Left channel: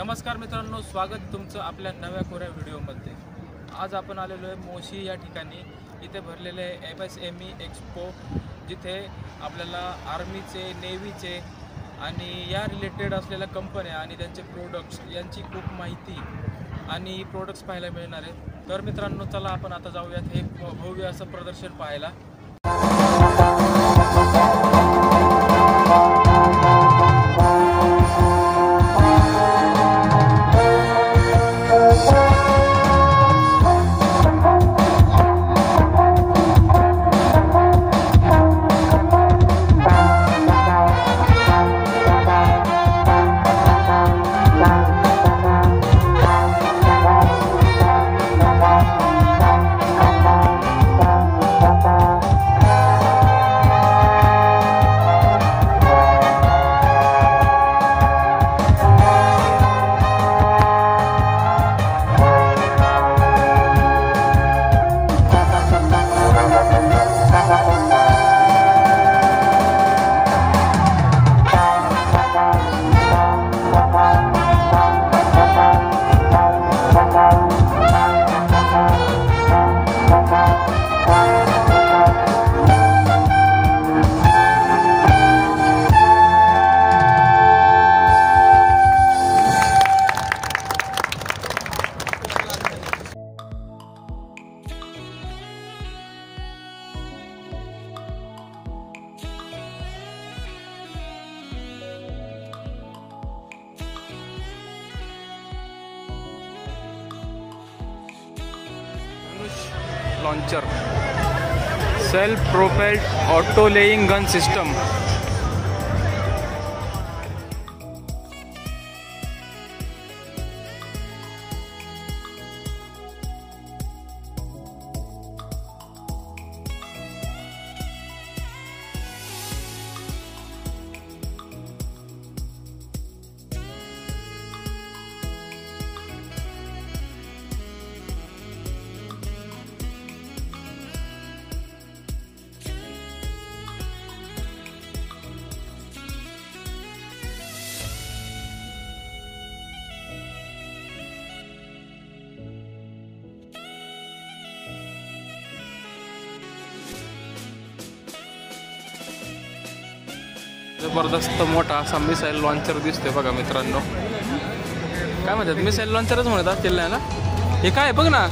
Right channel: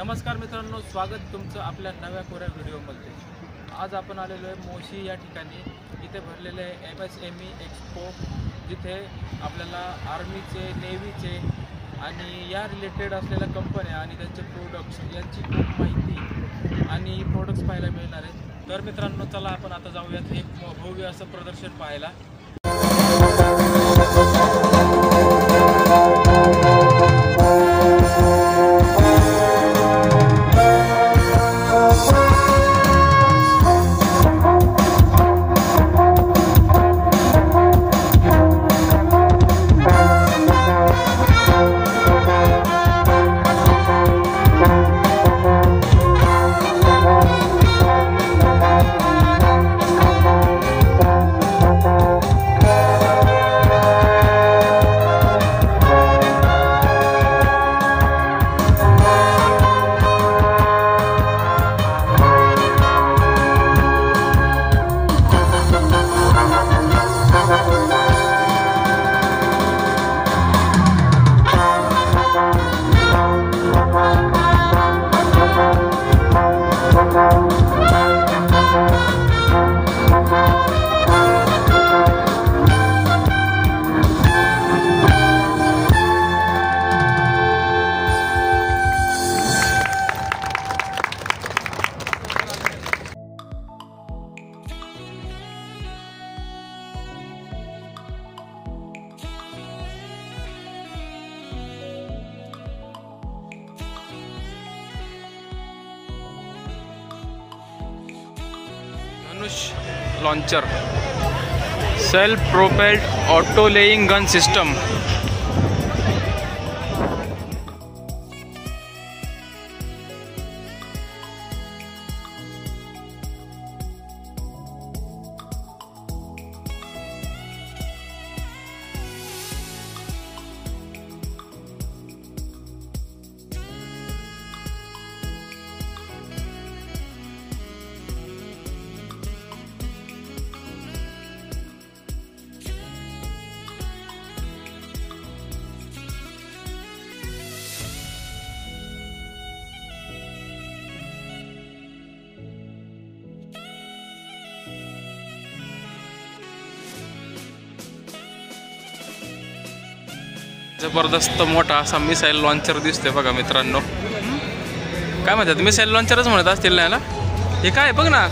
नमस्कार मित्रांनो, स्वागत तुमचं आपल्या नव्या कोऱ्या व्हिडिओमध्ये। आज आपण आलेलो आहे मोशी या ठिकाणी। इथे भरलेले MSME एक्सपो, जिथे आपल्याला आर्मीचे, नेव्हीचे आणि या रिलेटेड असलेल्या कंपन्या आणि त्यांचे प्रोडक्ट्स यांची खूप माहिती आणि प्रोडक्ट्स पाहायला मिळणार आहेत। तर मित्रांनो, चला आपण आता जाऊयात हे भव्य असं प्रदर्शन पाहायला। Launcher self propelled auto laying gun system. जबरदस्त मोठा असा मिसाईल लॉन्चर दिसतोय बघा मित्रांनो। काय म्हणतात, मिसाईल लॉन्चरच म्हणत असतील ना याला। हे काय बघ ना,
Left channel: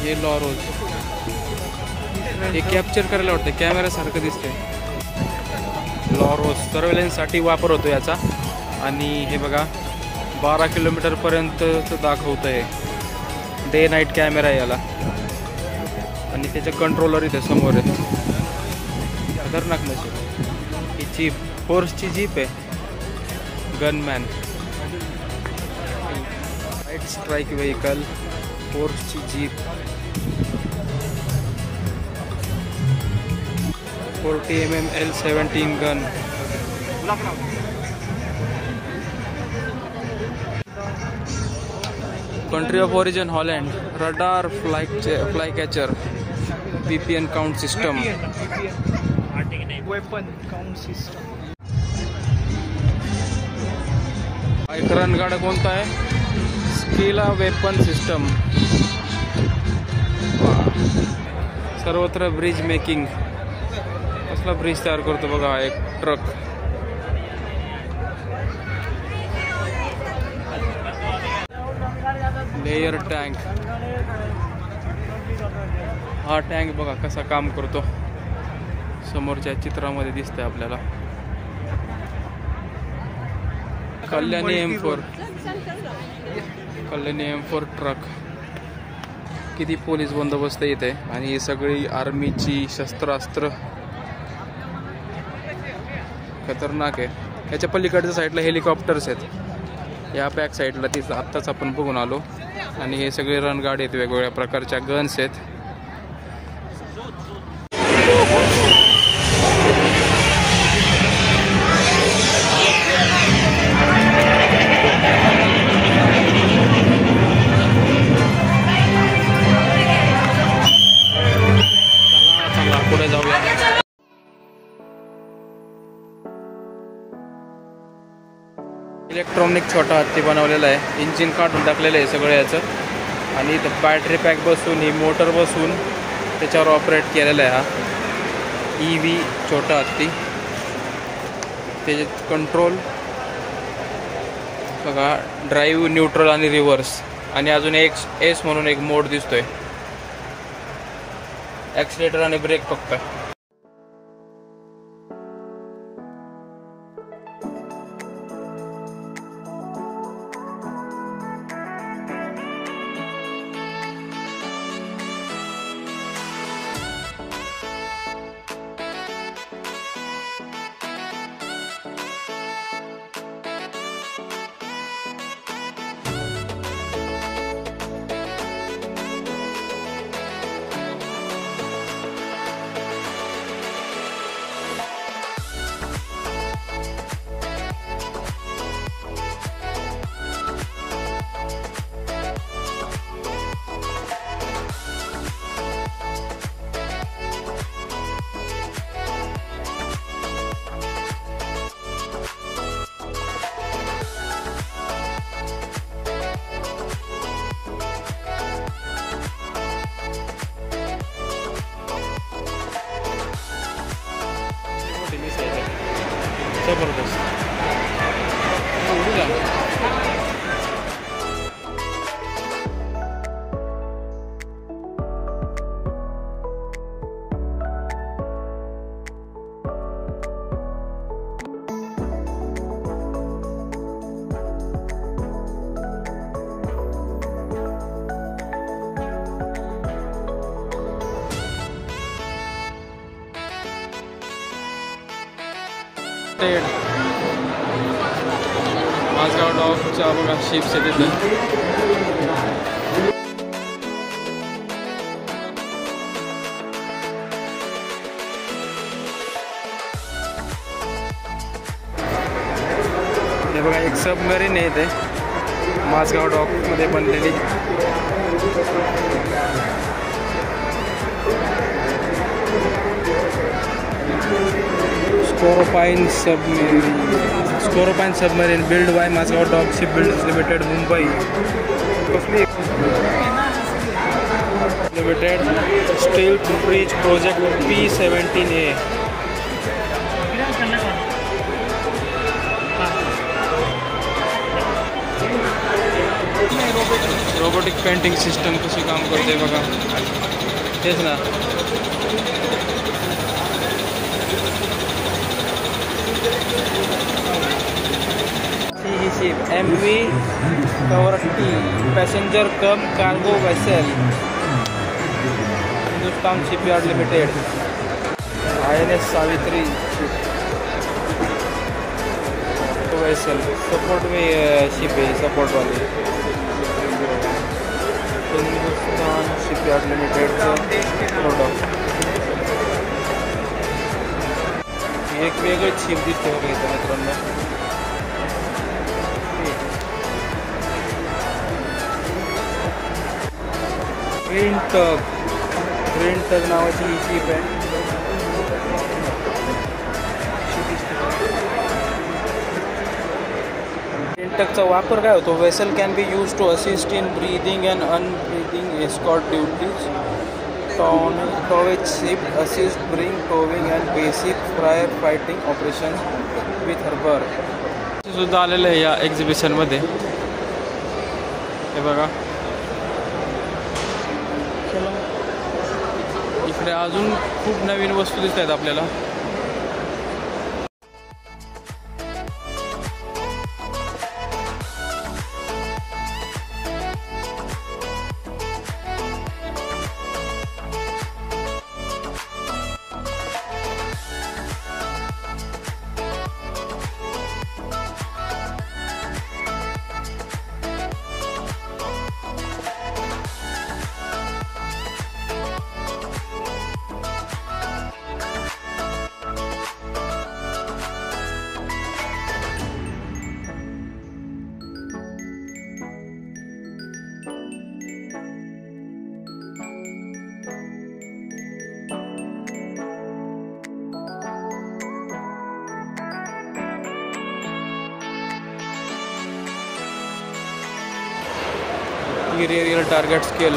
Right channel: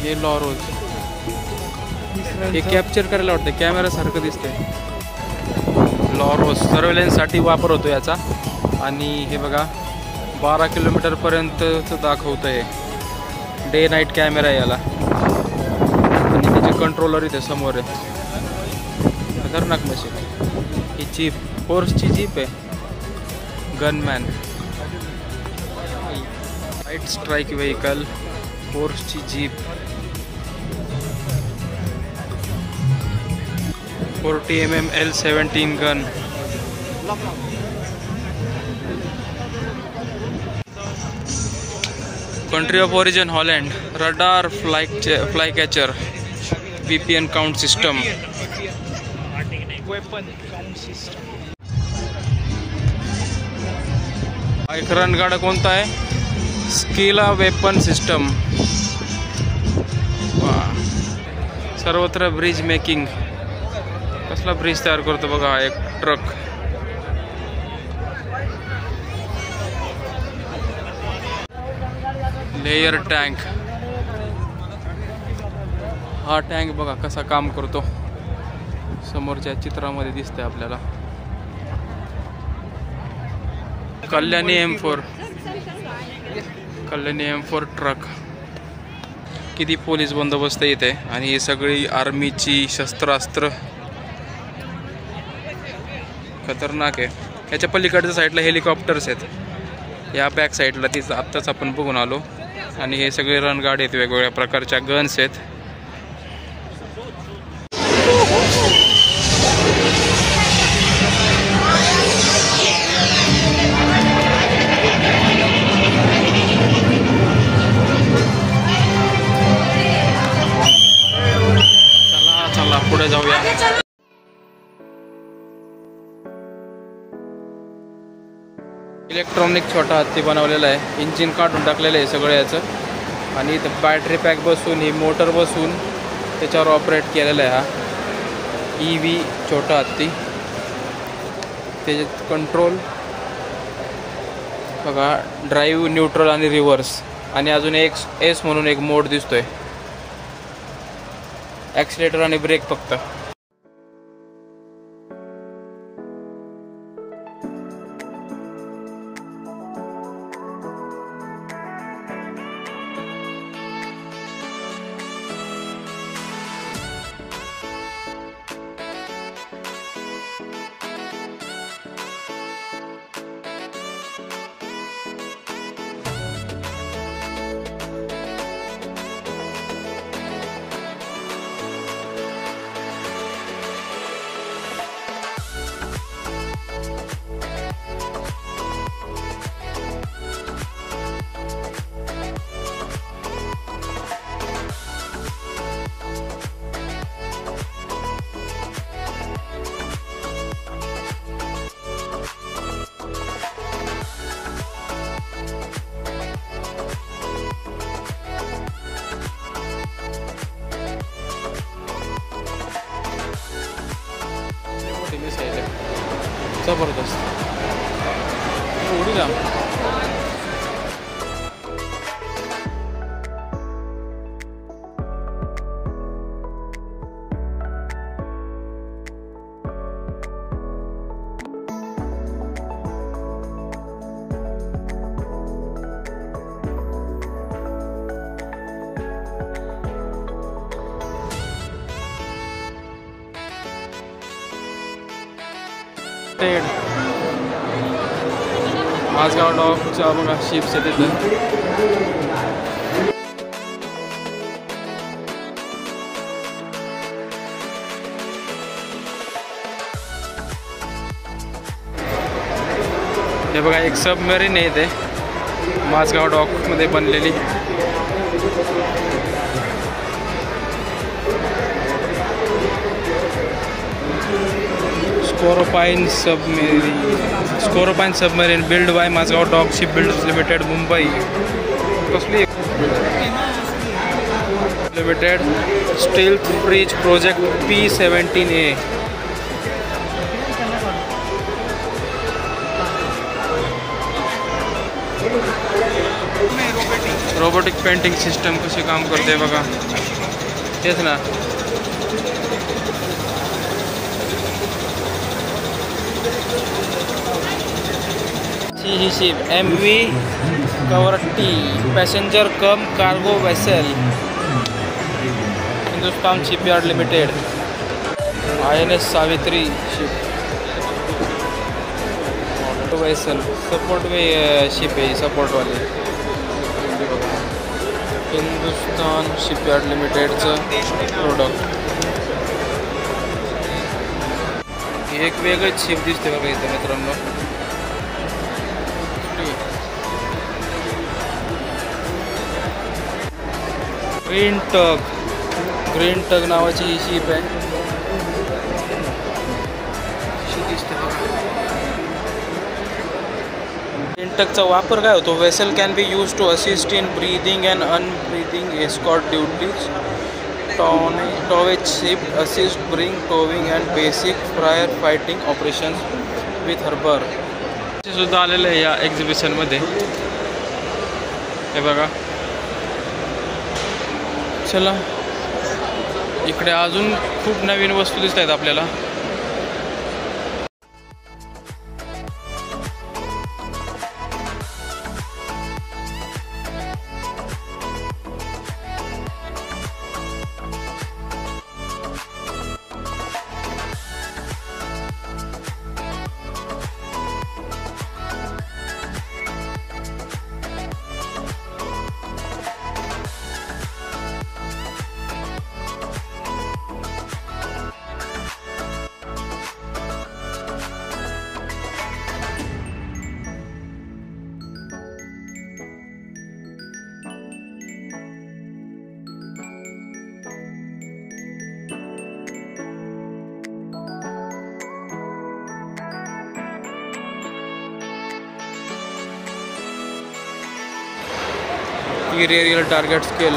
हे लॉरोज हे कॅप्चर करायला वाटतं, कॅमेरा सारखं दिसतंय। लॉरोज सर्वेलन्स साठी वापर होतो याचा। आणि हे बघा 12 किलोमीटरपर्यंतचं दाखवतं आहे. डे नाईट कॅमेरा आहे याला आणि त्याचे कंट्रोलर इथे समोर आहे. खतरनाक मशीन. ही जीप फोर्सची जीप आहे. गनमॅन लाईट स्ट्राईक व्हेकल फोर्सची jeep 40 mm L17 gun. Country of origin Holland. Radar fly catcher VPN count system. एक रणगाडा कोणता आहे? स्किला वेपन सिस्टम. सर्वत्र ब्रिज मेकिंग. कसला ब्रिज तयार करतो बघा एक ट्रक. Layer tank. हा टँक बघा कसा काम करतो समोरच्या चित्रामध्ये दिसतंय आपल्याला. Kalyani M4 truck. किती पोलीस बंदोबस्त येते आणि ही सगळी आर्मीची शस्त्रास्त्र. खतरनाक आहे. याच्या पलीकडच्या साईडला हेलिकॉप्टर्स आहेत. या बॅक साईडला तीच आत्ताच आपण बघून आलो. आणि हे सगळे रणगाडे आहेत. वेगवेगळ्या प्रकारच्या गन्स आहेत. चला पुढे जाऊया. इलेक्ट्रॉनिक छोटा हत्ती बनवलेला आहे. इंजिन काढून टाकलेलं आहे सगळं याचं. आणि इथं बॅटरी पॅक बसून ही मोटर बसून त्याच्यावर ऑपरेट केलेला आहे हा EV छोटा हत्ती. त्याचे कंट्रोल बघा ड्राईव्ह, न्यूट्रल आणि रिव्हर्स. आणि अजून एक S म्हणून एक मोड दिसतोय. ॲक्सिलेटर आणि ब्रेक फक्त. जबरदस्त. उडी जा. माझगाव डॉकच्या बघा शिपचे तिथं. हे बघा एक सबमरीन आहे इथे माझगाव डॉकमध्ये बनलेली. Scorpene submarine built by Mazagon dock ship builders limited Mumbai. कसली limited steel bridge project P17A. Robotic painting system कशी काम करते बघा. तेच ना. नावाची ही ship MV Kavaratti passenger cum cargo vessel, Hindustan shipyard limited. INS Savitri ship vessel support ship आहे, सपोर्ट वाली. हिंदुस्तान शिपयार्ड लिमिटेडचं प्रोडक्ट. एक वेगळीच शिप दिसते बघा इथं मित्रांनो. ग्रीन टग नावाची ही शिप आहे. ग्रीन टगचा वापर काय होतो? Vessel can be use to assist in berthing and unberthing escort duties, towage ship, assist, bring, towing and basic prior fighting operations with harbor. हे सुद्धा आलेलं आहे या एक्झिबिशन मध्ये. हे बघा. चला इकडे अजून खूप नवीन वस्तू दिसत आहेत आपल्याला. Aerial target scale.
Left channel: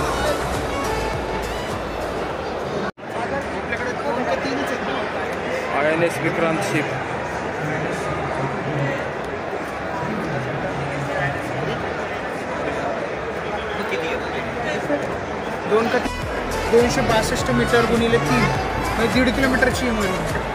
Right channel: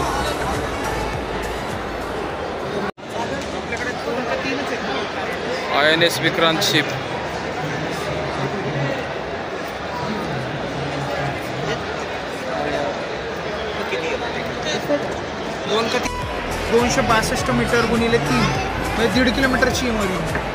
INS Vikrant शिप. दोन 262 मीटर गुणिले 3 1.5 किलोमीटरची आहे.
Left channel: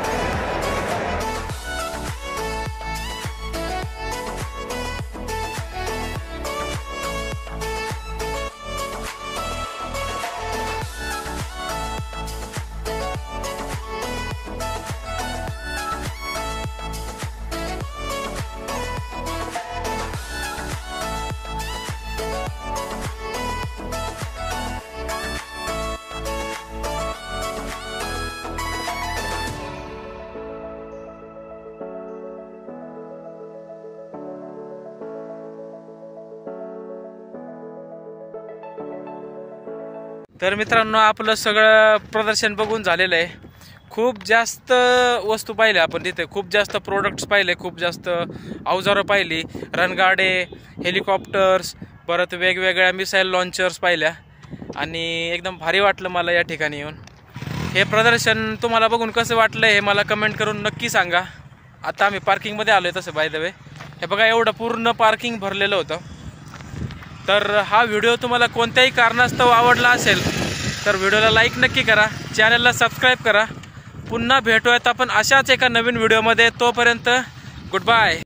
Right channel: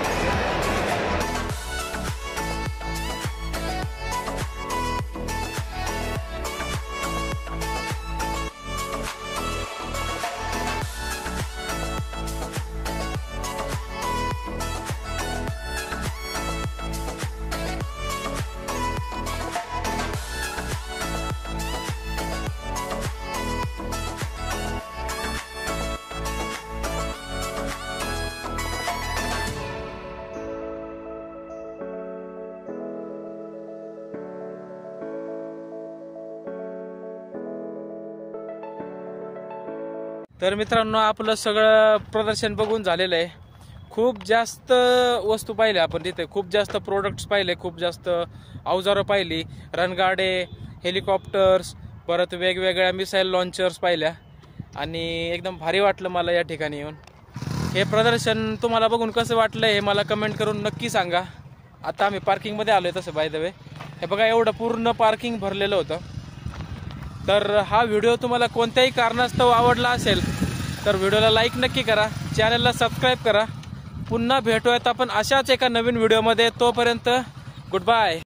तर मित्रांनो आपलं सगळं प्रदर्शन बघून झालेलं आहे. खूप जास्त वस्तू पाहिल्या आपण तिथे, खूप जास्त प्रोडक्ट्स पाहिले, खूप जास्त अवजारं पाहिली, रणगाडे, हेलिकॉप्टर्स, परत वेगवेगळ्या मिसाईल लॉन्चर्स पाहिल्या आणि एकदम भारी वाटलं मला या ठिकाणी येऊन. हे प्रदर्शन तुम्हाला बघून कसं वाटलं हे मला कमेंट करून नक्की सांगा. आता आम्ही पार्किंगमध्ये आलो आहे तसं बाय द वे. हे बघा एवढं पूर्ण पार्किंग भरलेलं होतं. तर हा व्हिडिओ तुम्हाला कोणत्याही कारणास्तव आवडला असेल तर व्हिडिओला लाईक नक्की करा, चॅनलला सबस्क्राईब करा. पुन्हा भेटूयात आपण अशाच एका नवीन व्हिडिओमध्ये. तोपर्यंत गुड बाय.